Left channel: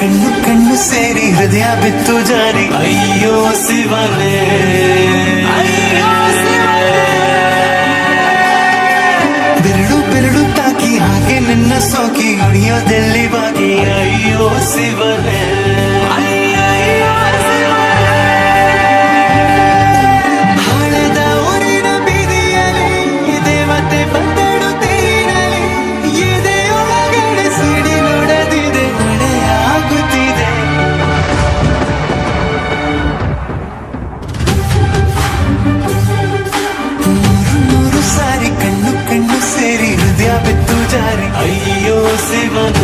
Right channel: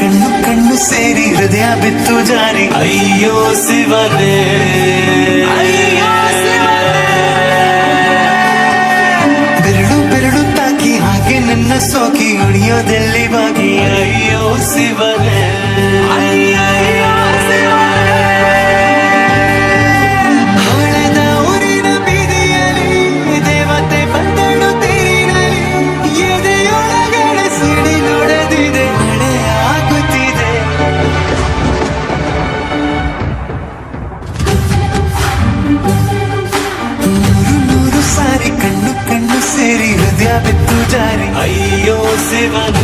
ಕಣ್ಣು ಕಣ್ಣು ಸೇರಿ ಹೃದಯ ಬಿತ್ತು ಜಾರಿ ಅಯ್ಯೋ ಶಿವನೇ ಬೆರಳು ಬೆರಳು ತಾಕಿ ಹಾಗೆ ನನ್ನ ಸೋಕಿ ಅಣಿಯೋದಲ್ಲಿ ಬಾಗಿ ಅಯ್ಯೋ ಶಿವನೇ ಹಳೆದ ಊರಿನ ಬೀದಿಯಲ್ಲಿ ದೇವತೆ ಬಂದಳು ತೀರಲಿ ಎದೆಯೊಳಗಡೆ ಸಿಡಿ ನೋಡದಿದೆ ಮಳೆಯಾಗುತ್ತಿದೆ ಮೂರು ಸಾರಿ ಕಣ್ಣು ಕಣ್ಣು ಸೇರಿ ಹೃದಯ ಬಿತ್ತು ಜಾರಿ ಅಯ್ಯೋ ಶಿವನ